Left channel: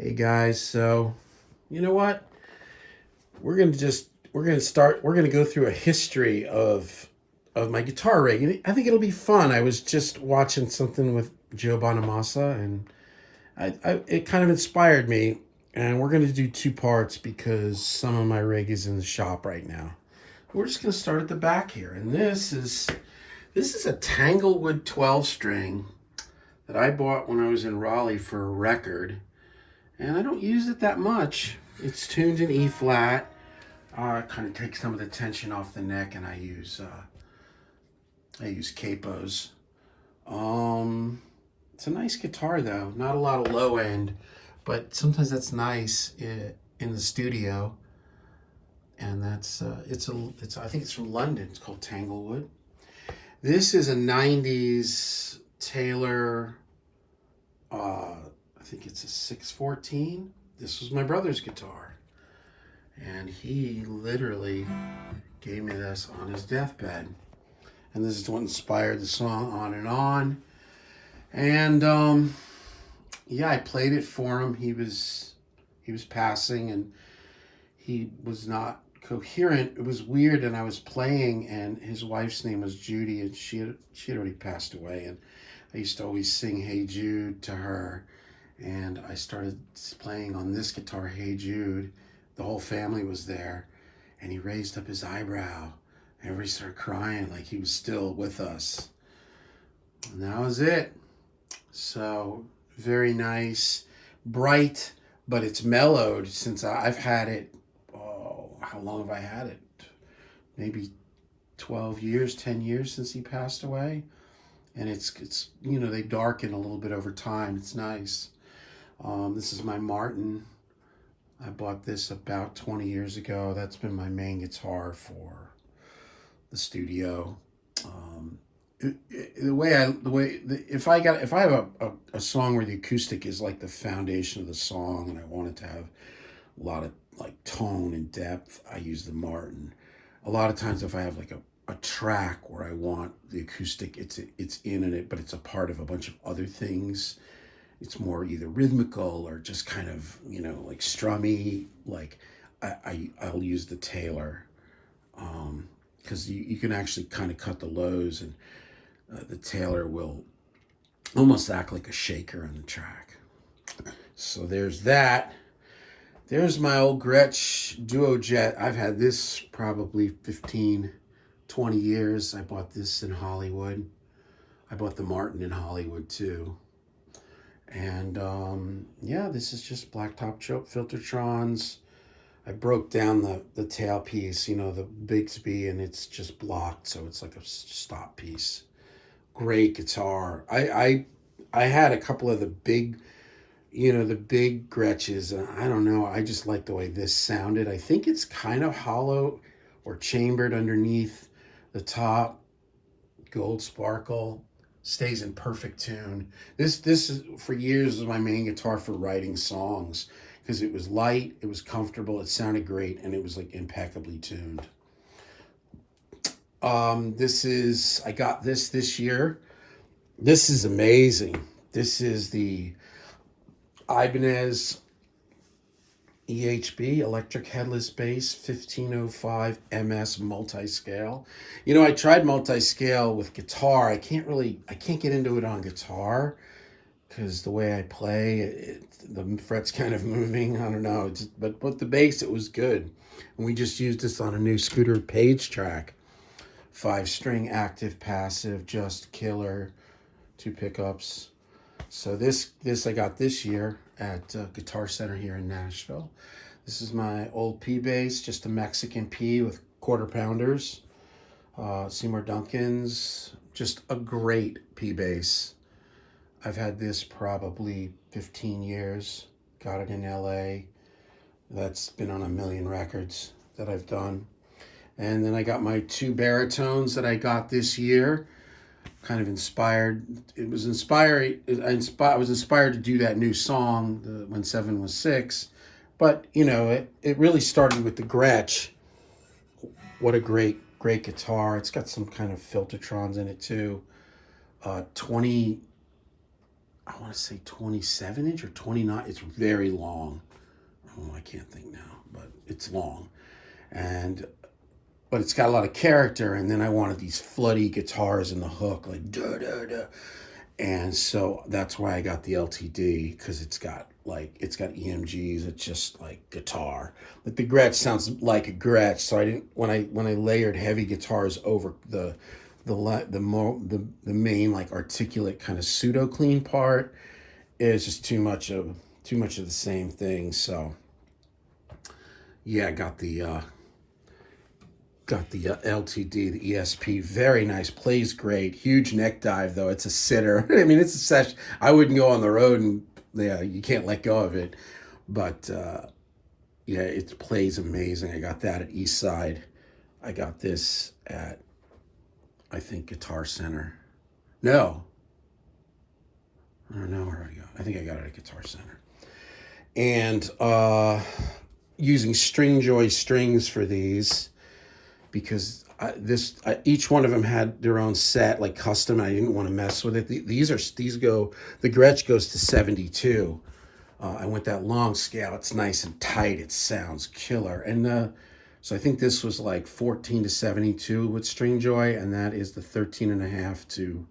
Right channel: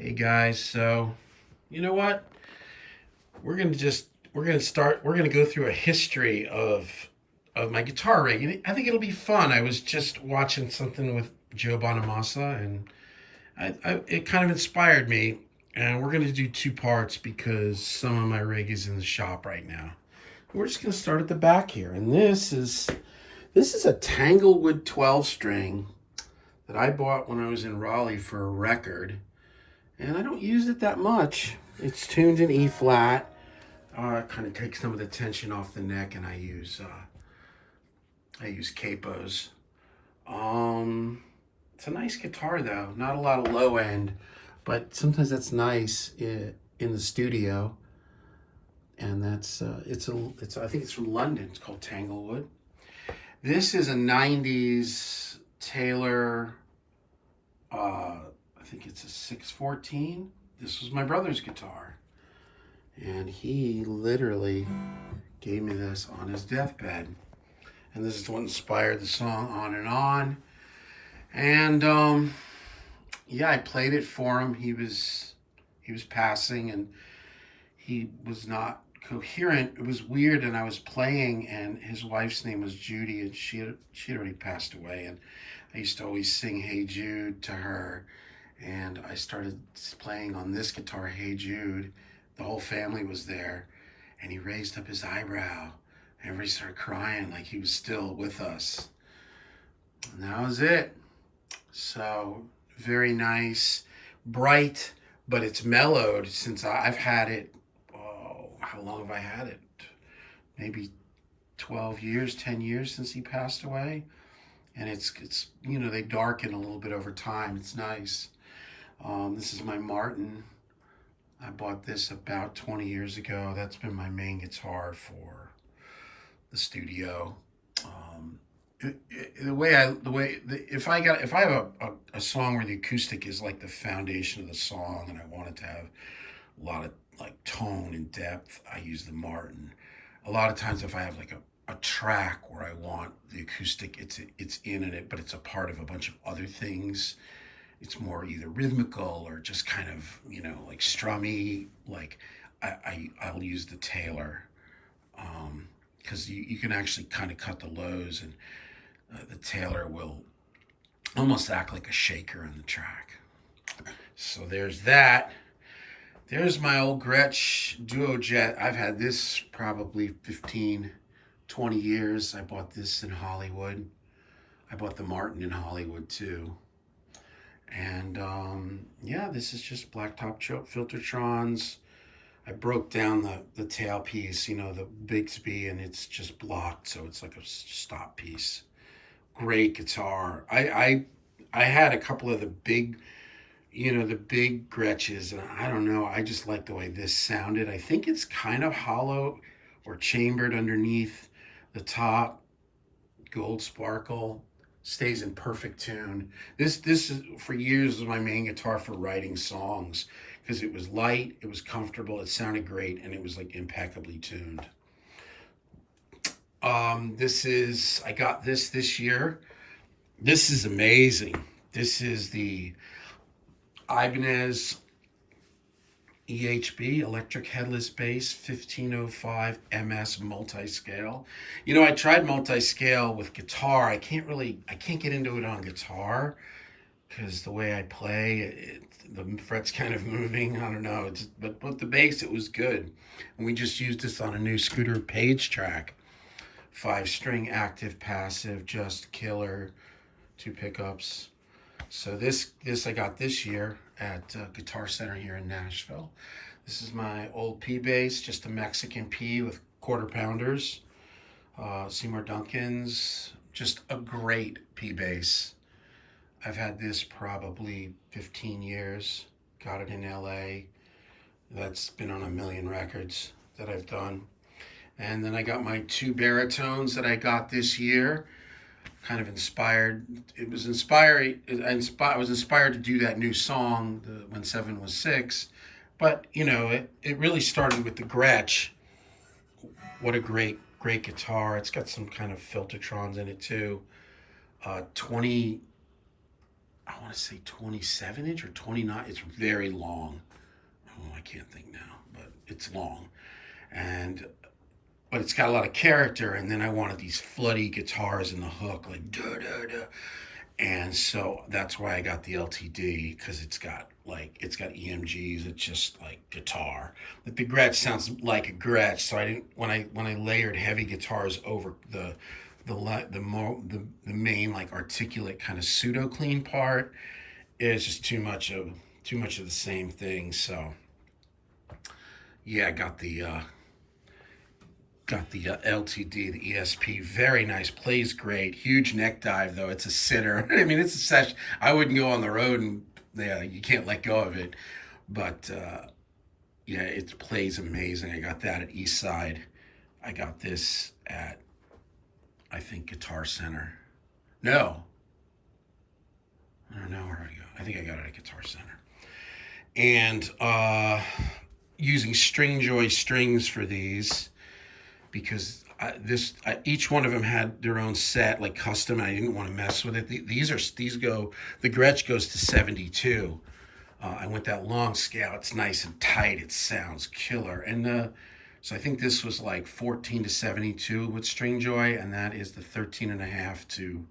Hey guys, so you know what? We're gonna go through a history of my guitar rig. And I think it'll be fun. I was just watching something with Joe Bonamassa, and it kind of inspired me. And we're gonna do two parts because some of my rig is in the shop right now. We're just gonna start at the back here, and this is a Tanglewood 12 string that I bought when I was in Raleigh for a record, and I don't use it that much. It's tuned in E flat. Kind of takes some of the tension off the neck, and I use capos. Um, it's a nice guitar though. Not a lot of low end, but sometimes that's nice in the studio. And it's I think it's from London. It's called Tanglewood. This is a '90s Taylor. I think it's a 614. This was my brother's guitar, and he literally gave me this on his deathbed. And this is what inspired the song On and On. And yeah, I played it for him. He was passing, and he was not coherent. It was weird, and I was playing, and his wife's name was Judy, and she had already passed away. And I used to always sing Hey Jude to her, and I started playing on this guitar, Hey Jude. The whole family was there, and he raised up his eyebrow. Everybody started crying like he was still with us. And that was it. So, very nice, bright, but it's mellowed since I've had it. Oh, how long have I had it? Maybe 12 years, 10 years since he passed away. And it's they darken a little bit over time. It's nice. This is my Martin. I bought this about 20 years ago. That's been my main guitar for the studio. If I have a song where the acoustic is like the foundation of the song, and I want it to have a lot of like tone and depth, I use the Martin. A lot of times, if I have like a track where I want the acoustic, it's in it, but it's a part of a bunch of other things. It's more either rhythmical or just kind of like strummy. Like I'll use the Taylor, because you can actually kind of cut the lows, and the Taylor will almost act like a shaker on the track. So there's that. There's my old Gretch Duo Jet. I've had this probably 15, 20 years. I bought this in Hollywood. I bought the Martin in Hollywood too. And yeah, this is just blacktop choke Filtertrons. I broke down the tailpiece, the Bigsby, and it's just blocked, so it's like a stop piece. Great guitar. I had a couple of the big, the big Gretches, and I don't know. I just like the way this sounded. I think it's kind of hollow or chambered underneath the top. Gold sparkle. Stays in perfect tune. This is for years was my main guitar for writing songs, because it was light, it was comfortable, it sounded great, and it was like impeccably tuned. I got this year. This is amazing. This is the Ibanez EHB, electric headless bass, 1505 MS multi-scale. I tried multi-scale with guitar. I can't get into it on guitar because the way I play, the fret's kind of moving. I don't know. But the bass, it was good. And we just used this on a new Scooter Page track. 5-string active, passive, just killer, 2 pickups. So this I got this year at Guitar Center here in Nashville. This is my old P bass, just a Mexican P with quarter pounders. Seymour Duncan's, just a great P bass. I've had this probably 15 years. Got it in LA. That's been on a million records that I've done. And then I got my 2 baritones that I got this year. Kind of inspired. It was inspired. I was inspired to do that new song, When 7 Was 6. But, it really started with the Gretch. What a great guitar. It's got some kind of Filtertrons in it too. 20, I want to say 27 inch or 29. It's very long. Oh, I can't think now, but it's long. And but it's got a lot of character. And then I wanted these floody guitars in the hook, like da da da. And so that's why I got the LTD, because it's got EMGs. It's just like guitar. Like the Gretch sounds like a Gretch. So I didn't when I layered heavy guitars over the main like articulate kind of pseudo clean part, is just too much of the same thing. So yeah, I got the LTD, the ESP, very nice, plays great. Huge neck dive though. It's a sitter. I mean, it's a session. I wouldn't go on the road, and yeah, you can't let go of it. But yeah, it plays amazing. I got that at East Side. I got this at, I think, Guitar Center. No, I don't know where I go. I think I got it at Guitar Center. And using Stringjoy strings for these, because each one of them had their own set, like custom, and I didn't want to mess with it. The Gretsch goes to 72. I went that long scale. It's nice and tight. It sounds killer. And so I think this was like 14 to 72 with Stringjoy, and that is the 13.5 to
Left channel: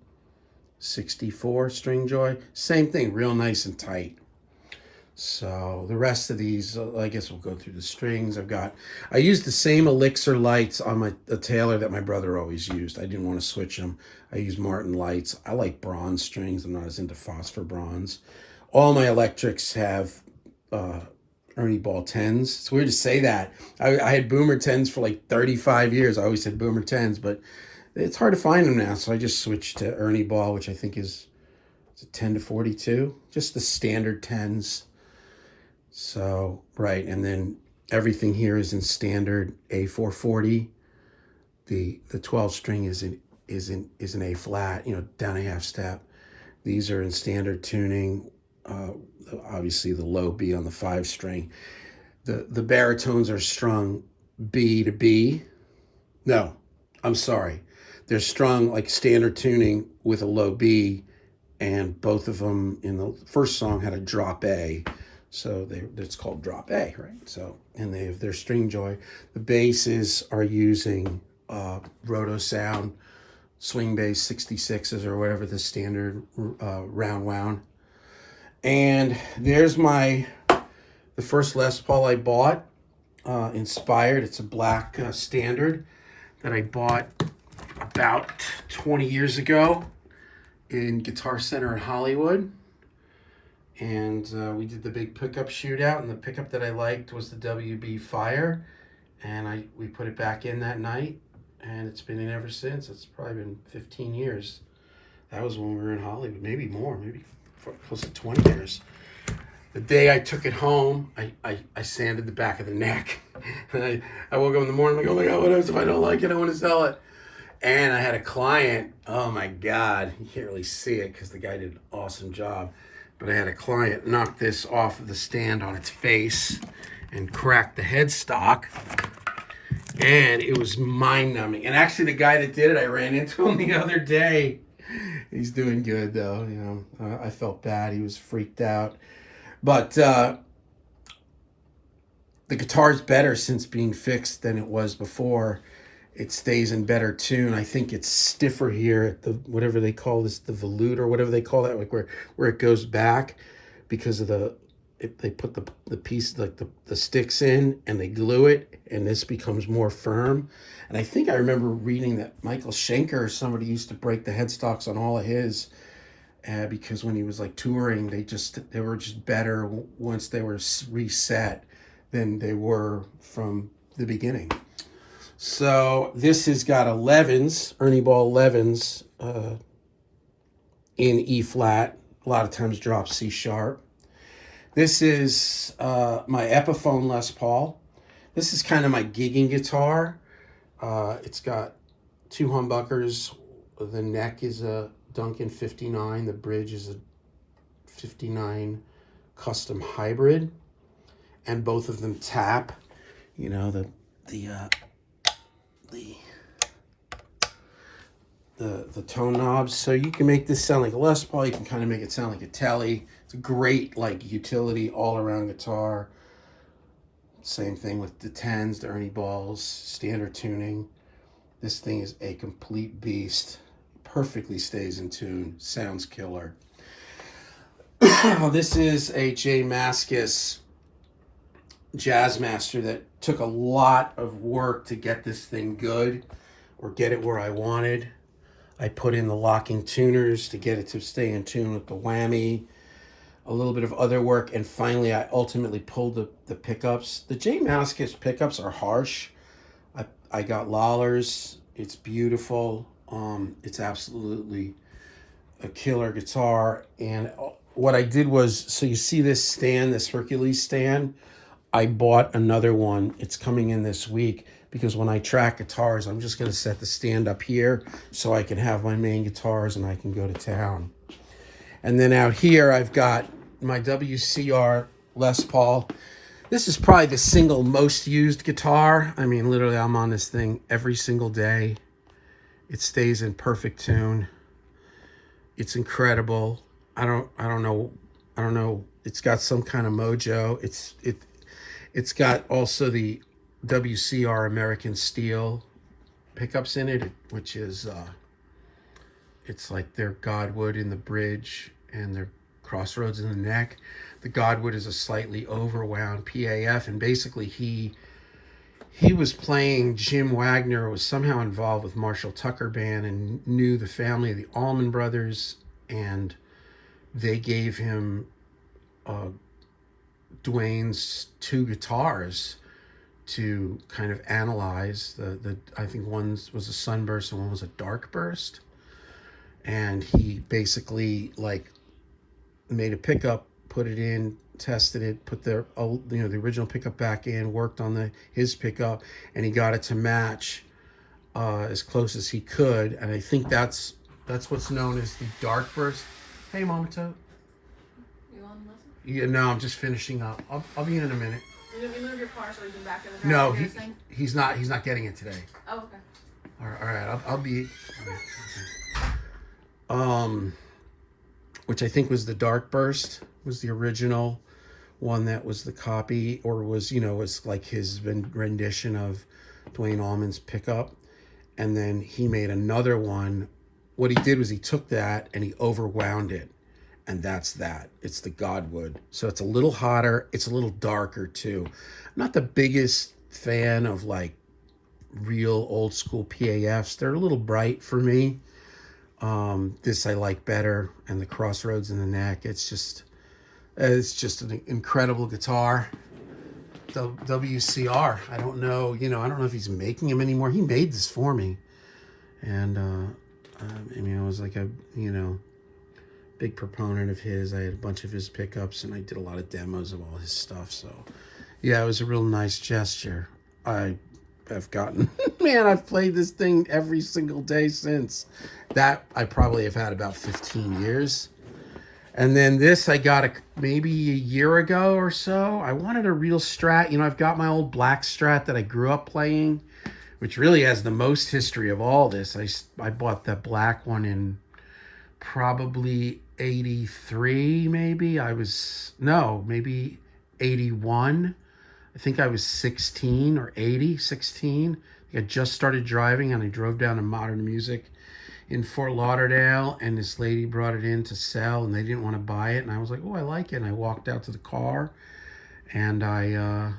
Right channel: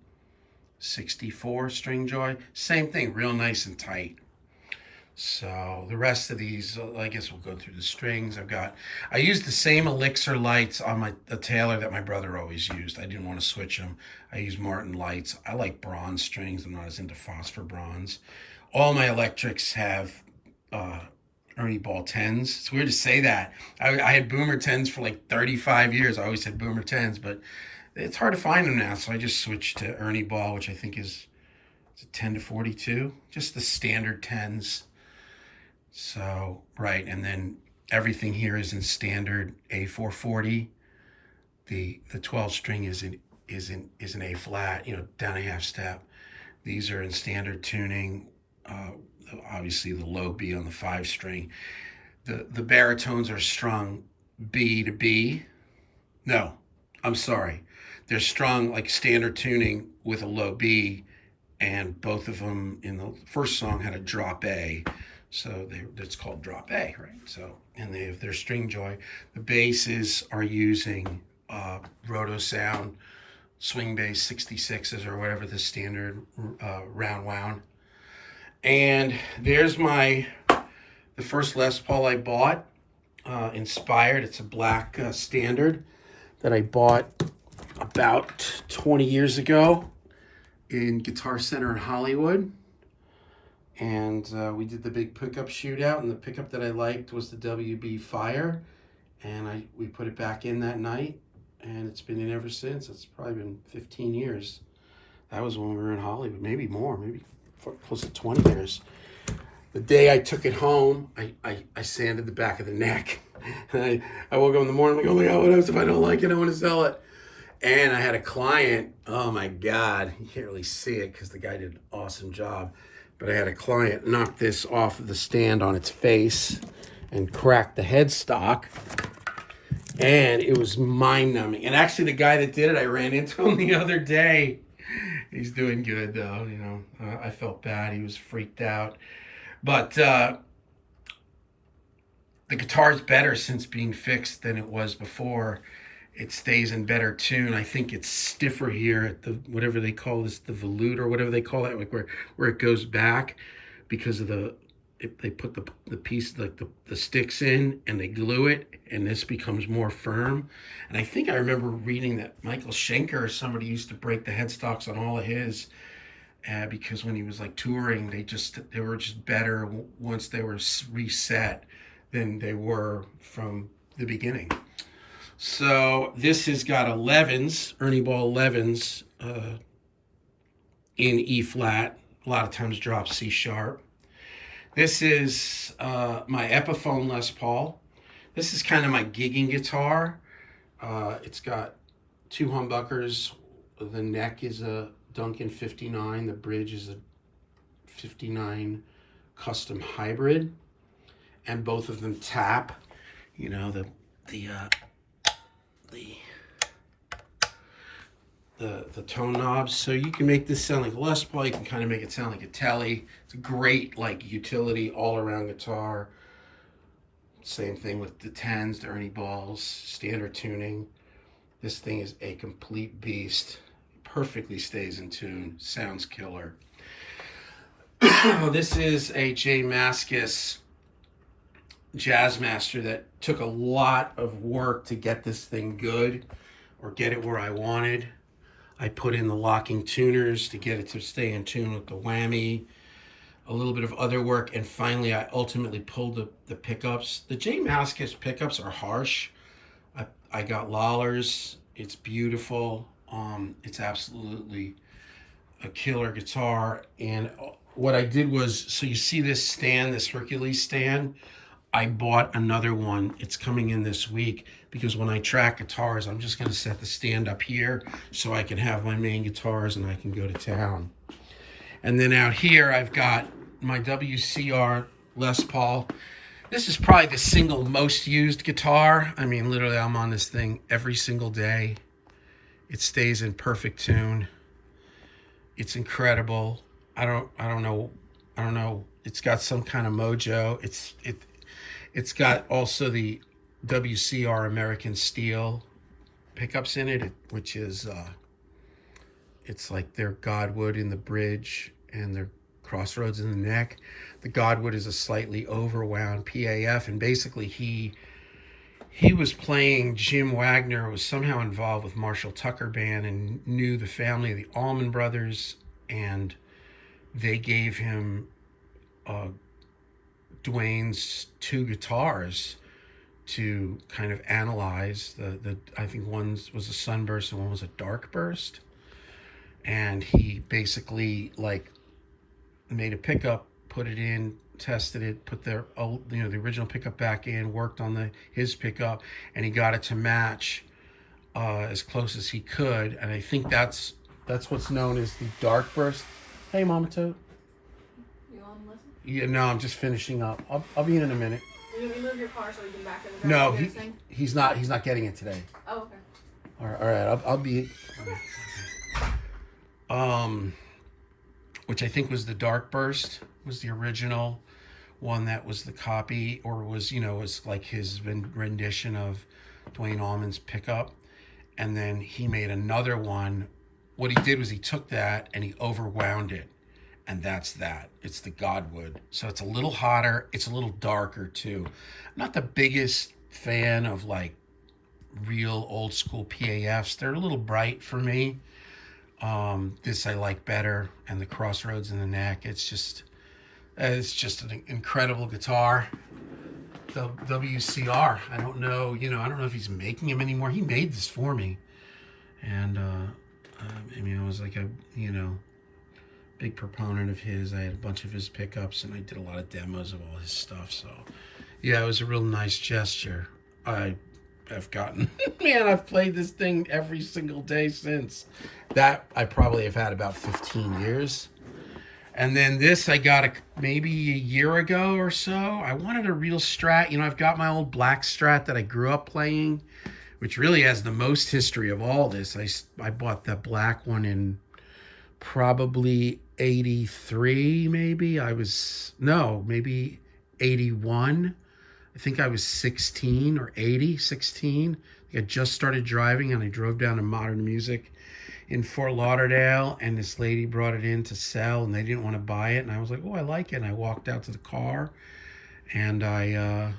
64 Stringjoy. Same thing, real nice and tight. So the rest of these, I guess we'll go through the strings. I used the same Elixir lights on the Taylor that my brother always used. I didn't want to switch them. I use Martin lights. I like bronze strings. I'm not as into phosphor bronze. All my electrics have Ernie Ball 10s. It's weird to say that. I had Boomer 10s for like 35 years. I always said Boomer 10s, but it's hard to find them now. So I just switched to Ernie Ball, which I think is a 10 to 42, just the standard 10s. So, right, and then everything here is in standard A440. The 12 string is an A flat, down a half step. These are in standard tuning. Obviously the low B on the 5 string. The baritones are strung B to B. No, I'm sorry. They're strung like standard tuning with a low B, and both of them in the first song had a drop A. So it's called drop A, right? So, and they have their Stringjoy. The basses are using Roto Sound swing bass 66s or whatever the standard round wound. And there's the first Les Paul I bought, Inspired. It's a black standard that I bought about 20 years ago in Guitar Center in Hollywood. And we did the big pickup shootout, and the pickup that I liked was the WB Fire, and we put it back in that night, and it's been in ever since. It's probably been 15 years. That was when we were in Hollywood, maybe more, maybe close to 20 years. The day I took it home, I sanded the back of the neck. And I woke up in the morning like, oh my God, what else if I don't like it? I want to sell it. And I had a client, oh my God, you can't really see it because the guy did an awesome job. But I had a client knock this off of the stand on its face and crack the headstock. And it was mind-numbing. And actually, the guy that did it, I ran into him the other day. He's doing good, though. I felt bad. He was freaked out. But the guitar's better since being fixed than it was before. It stays in better tune. I think it's stiffer here at the, whatever they call this, the volute or whatever they call that, like where it goes back, because of they put the piece, like the sticks in, and they glue it, and this becomes more firm. And I think I remember reading that Michael Schenker or somebody used to break the headstocks on all of his, because when he was like touring, they were just better once they were reset than they were from the beginning. So this has got 11s, Ernie Ball 11s in E flat, a lot of times drop C sharp. This is my Epiphone Les Paul. This is kind of my gigging guitar. It's got 2 humbuckers. The neck is a Duncan 59. The bridge is a 59 custom hybrid. And both of them tap. the tone knobs. So you can make this sound like a Les Paul. You can kind of make it sound like a Tele. It's a great like utility all around guitar. Same thing with the 10s, the Ernie Balls, standard tuning. This thing is a complete beast. Perfectly stays in tune. Sounds killer. This is a J Mascis Jazzmaster that took a lot of work to get this thing good or get it where I wanted. I put in the locking tuners to get it to stay in tune with the whammy, a little bit of other work, and finally I ultimately pulled the pickups. The J Mascis pickups are harsh. I got Lollers. It's beautiful. It's absolutely a killer guitar. And what I did was, so you see this stand, this Hercules stand, I bought another one. It's coming in this week because when I track guitars, I'm just going to set the stand up here so I can have my main guitars and I can go to town. And then out here, I've got my WCR Les Paul. This is probably the single most used guitar. I mean, literally, I'm on this thing every single day. It stays in perfect tune. It's incredible. I don't know. It's got some kind of mojo. It's got also the WCR American Steel pickups in it, which is it's like their Godwood in the bridge and their Crossroads in the neck. The Godwood is a slightly overwound PAF, and basically he was playing. Jim Wagner was somehow involved with Marshall Tucker Band and knew the family of the Allman Brothers, and they gave him Dwayne's two guitars to kind of analyze. The I think one was a Sunburst and one was a Dark Burst, and he basically like made a pickup, put it in, tested it, put the original pickup back in, worked on his pickup, and he got it to match as close as he could. And I think that's what's known as the Dark Burst. Hey, Mama Toad. You want to listen? Yeah, no, I'm just finishing up. I'll be in a minute. You move your car so we can back it. No, he's not getting it today. Oh, okay. All right. I'll be. Which I think was the Dark Burst, was the original one that was the copy, or was like his rendition of Dwayne Allman's pickup. And then he made another one. What he did was he took that and he overwound it, and that's that. It's the Godwood. So it's a little hotter. It's a little darker too. I'm not the biggest fan of like real old school PAFs. They're a little bright for me. This I like better, and the Crossroads in the neck. It's just an incredible guitar. The WCR. I don't know if he's making them anymore. He made this for me, and I mean, I was like a big proponent of his. I had a bunch of his pickups, and I did a lot of demos of all his stuff. So yeah, it was a real nice gesture. I've gotten, man, I've played this thing every single day since. That I probably have had about 15 years. And then this I got maybe a year ago or so. I wanted a real Strat. I've got my old black Strat that I grew up playing, which really has the most history of all this. I bought that black one in probably 83, maybe. Maybe 81. I think I was 16 or 16. I just started driving, and I drove down to Modern Music in Fort Lauderdale, and this lady brought it in to sell, and they didn't want to buy it. And I was like, oh, I like it. And I walked out to the car, and I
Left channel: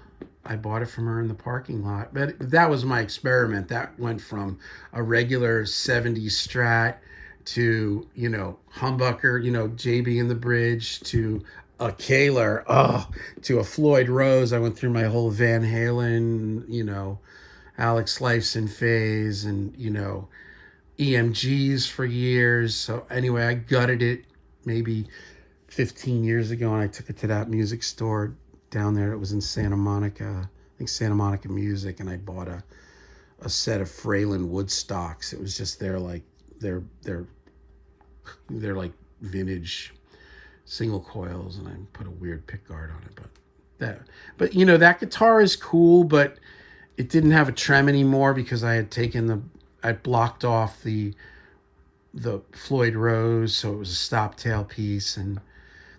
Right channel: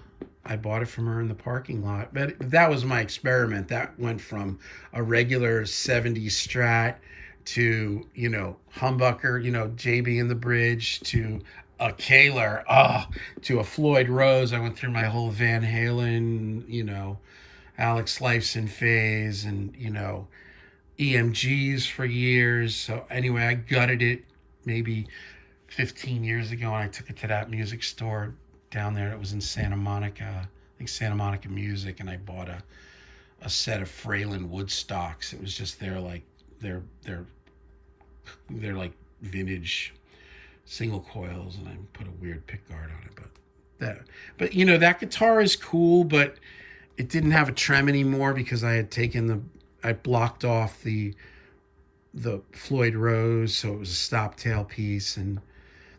bought it from her in the parking lot. But that was my experiment. That went from a regular 70s Strat to, humbucker, JB in the bridge, to a Kaler, to a Floyd Rose. I went through my whole Van Halen, Alex Lifeson phase, and, EMGs for years. So anyway, I gutted it maybe 15 years ago, and I took it to that music store down there. It was in Santa Monica, I think Santa Monica Music, and I bought a set of Fralin Woodstocks. It was just their like vintage single coils, and I put a weird pickguard on it. But that guitar is cool, but it didn't have a trem anymore because I had blocked off the the Floyd Rose, so it was a stop tail piece, and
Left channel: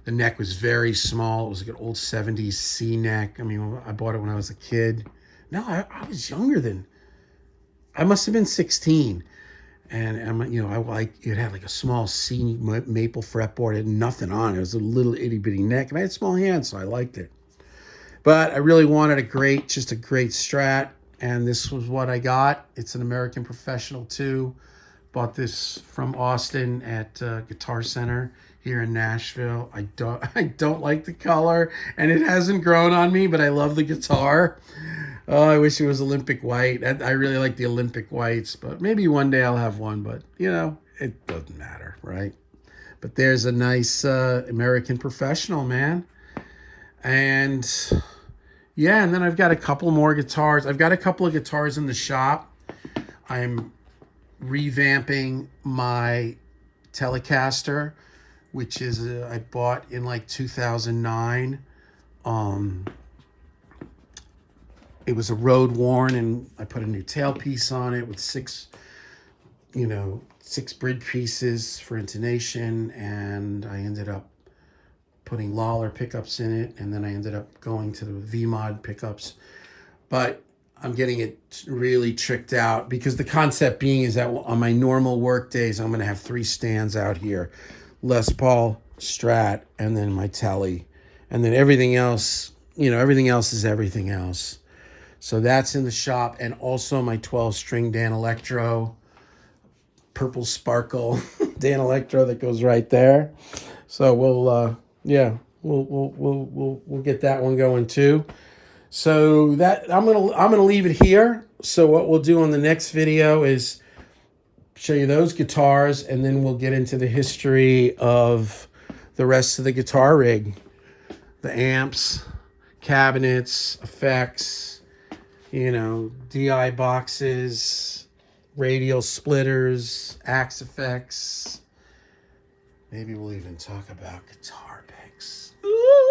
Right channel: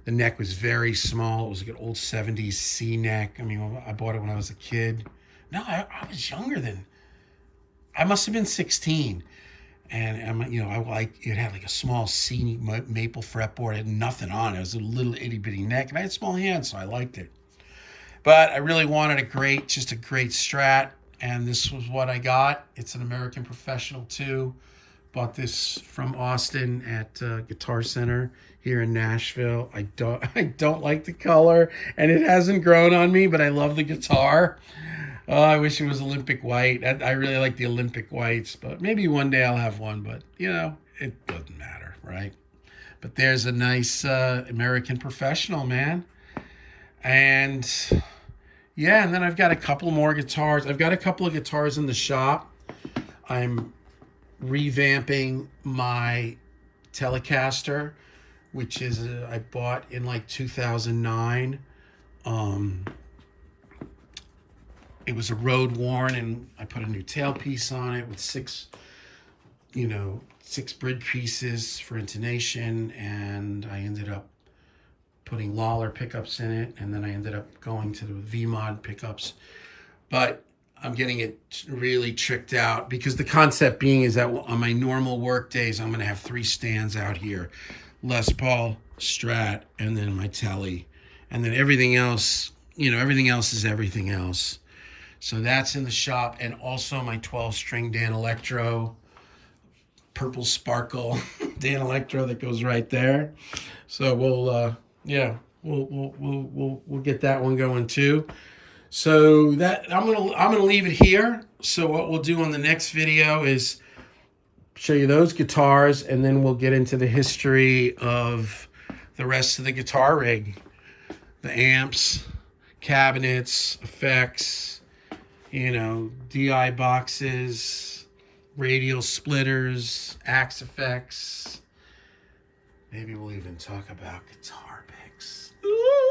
the neck was very small. It was like an old 70s C neck. I mean, I bought it when I was a kid. No, I was younger than, I must have been 16. And I like it had like a small C maple fretboard. It had nothing on it. It was a little itty bitty neck, and I had small hands, so I liked it. But I really wanted just a great Strat, and this was what I got. It's an American Professional 2. Bought this from Austin at Guitar Center here in Nashville. I don't like the color, and it hasn't grown on me, but I love the guitar. Oh, I wish it was Olympic white. I really like the Olympic whites, but maybe one day I'll have one. But it doesn't matter, right? But there's a nice American Professional, man. And yeah, and then I've got a couple more guitars. I've got a couple of guitars in the shop. I'm revamping my Telecaster, which is I bought in like 2009. It was a road worn, and I put a new tailpiece on it with six bridge pieces for intonation, and I ended up putting Lawler pickups in it, and then I ended up going to the V-Mod pickups. But I'm getting it really tricked out, because the concept being is that on my normal work days, I'm going to have 3 stands out here: Les Paul, Strat, and then my Tele. And then everything else is everything else. So that's in the shop, and also my 12-string Dan Electro, purple sparkle Dan Electro that goes right there. So we'll get that one going too. So that I'm gonna leave it here. So what we'll do on the next video is show you those guitars, and then we'll get into the history of the rest of the guitar rig, the amps, cabinets, effects, DI boxes, radial splitters, axe effects. Maybe we'll even talk about guitar picks. Ooh.